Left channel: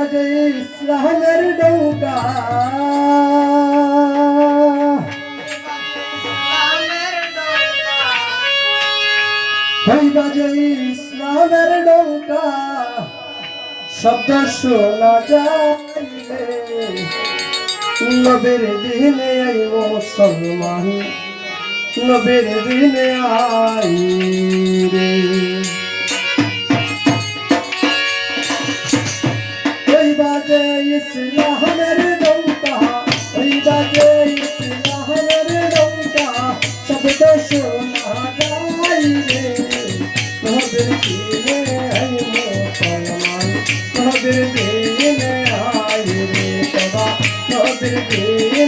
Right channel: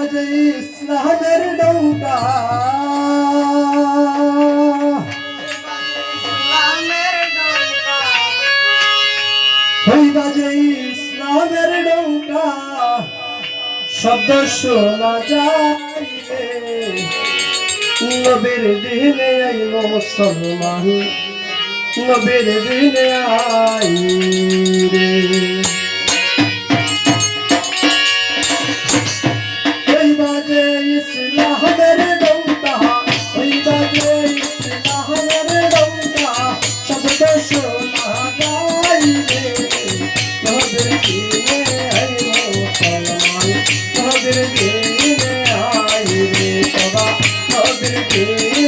বাজে ইসলামের নৌকা। হই বাজে ইসলামের নৌকা, শব্দ শোনা যাইবে নবের দিনে আই মুসলমান, নবের দিনে আই রে। Thank you.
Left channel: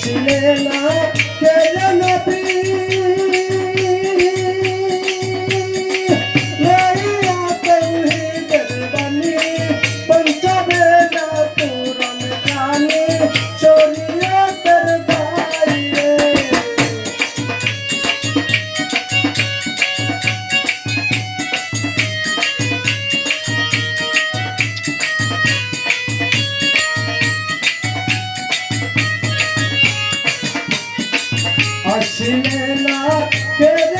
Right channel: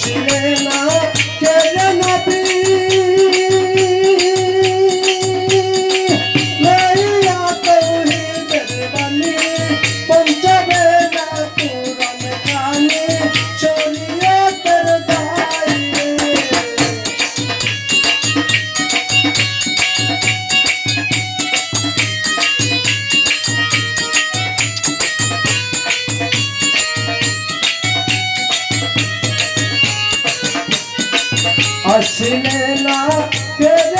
আসিলে না ছিলে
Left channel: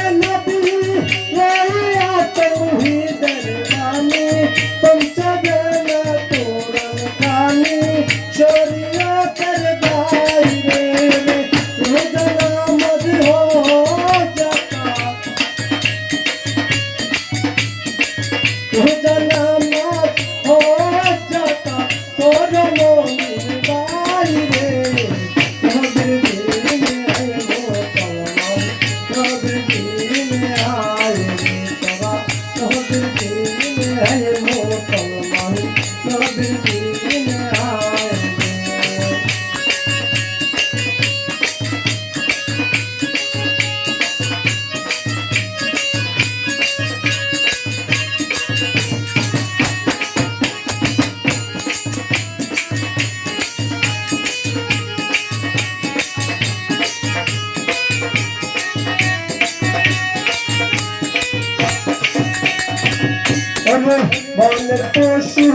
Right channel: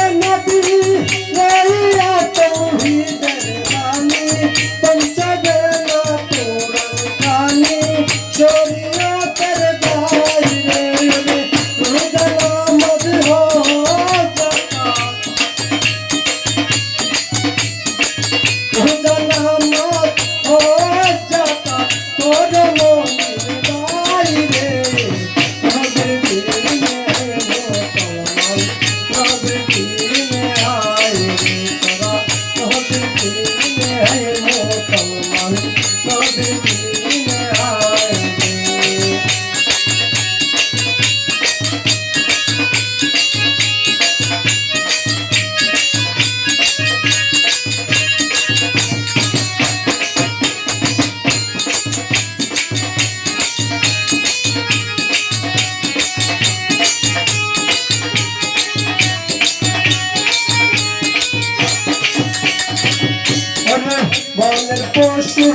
বনের পশু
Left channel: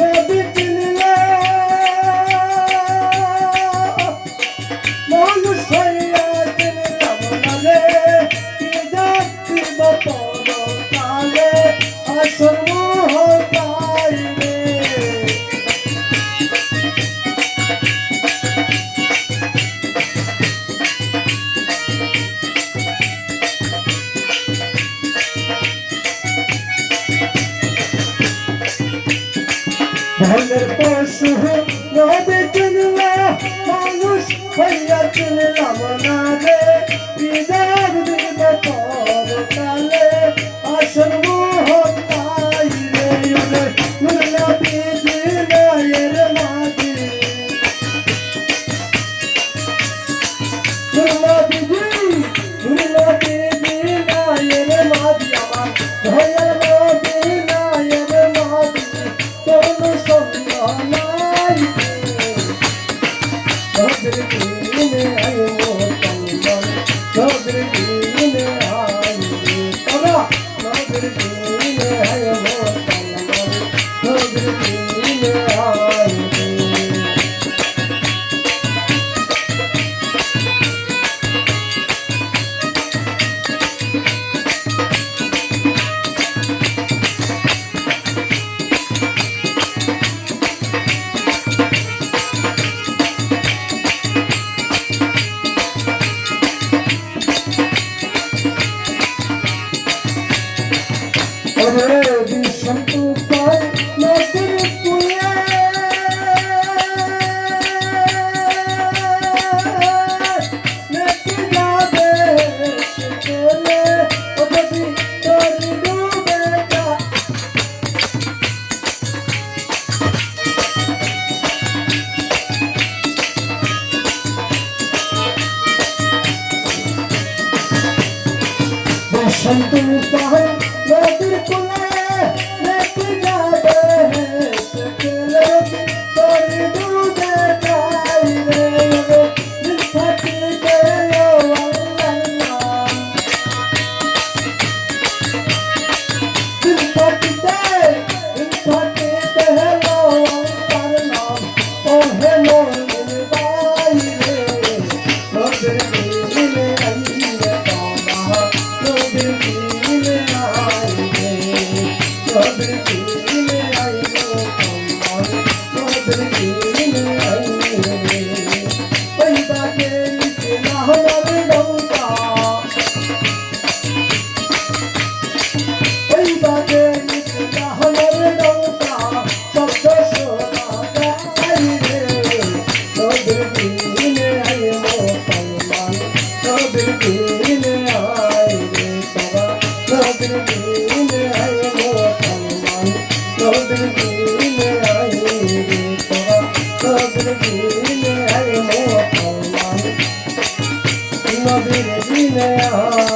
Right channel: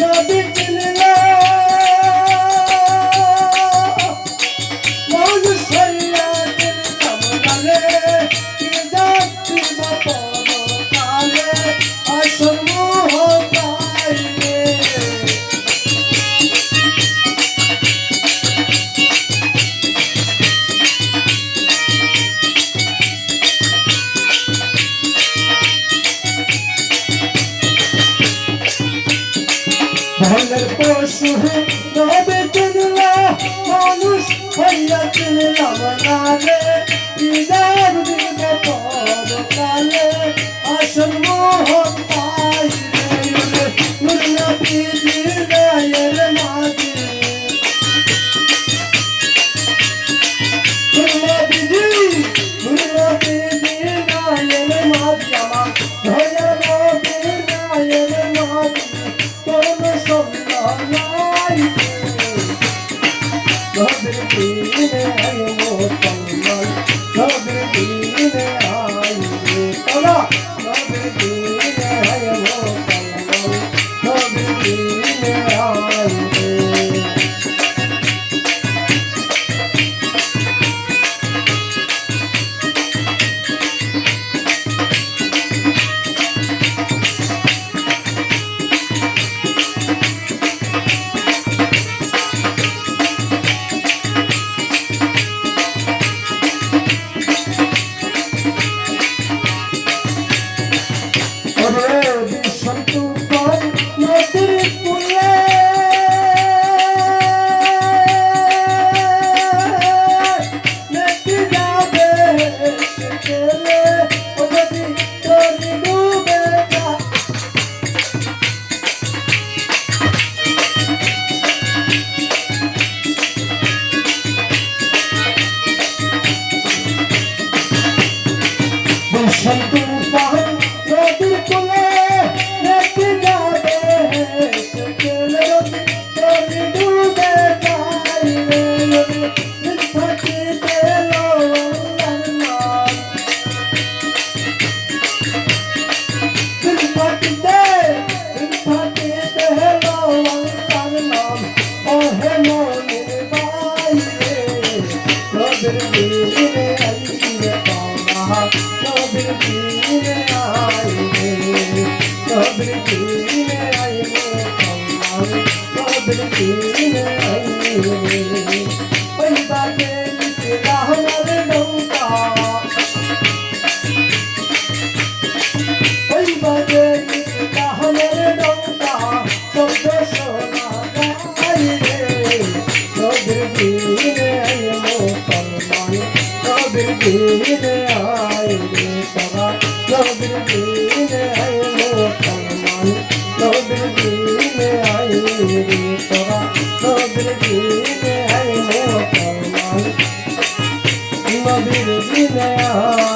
নদী ধনের পশু নদী কিনল মানুষ হইয়া কিনলাম না you. দিনে আইলো সালমান নবীর দিনে আইলো সারা নবীর দিনে আইলো সালমান নবীর দিনে আইলো সারা নবীর দিনে আইলো সালমান নবীর দিনে আইলো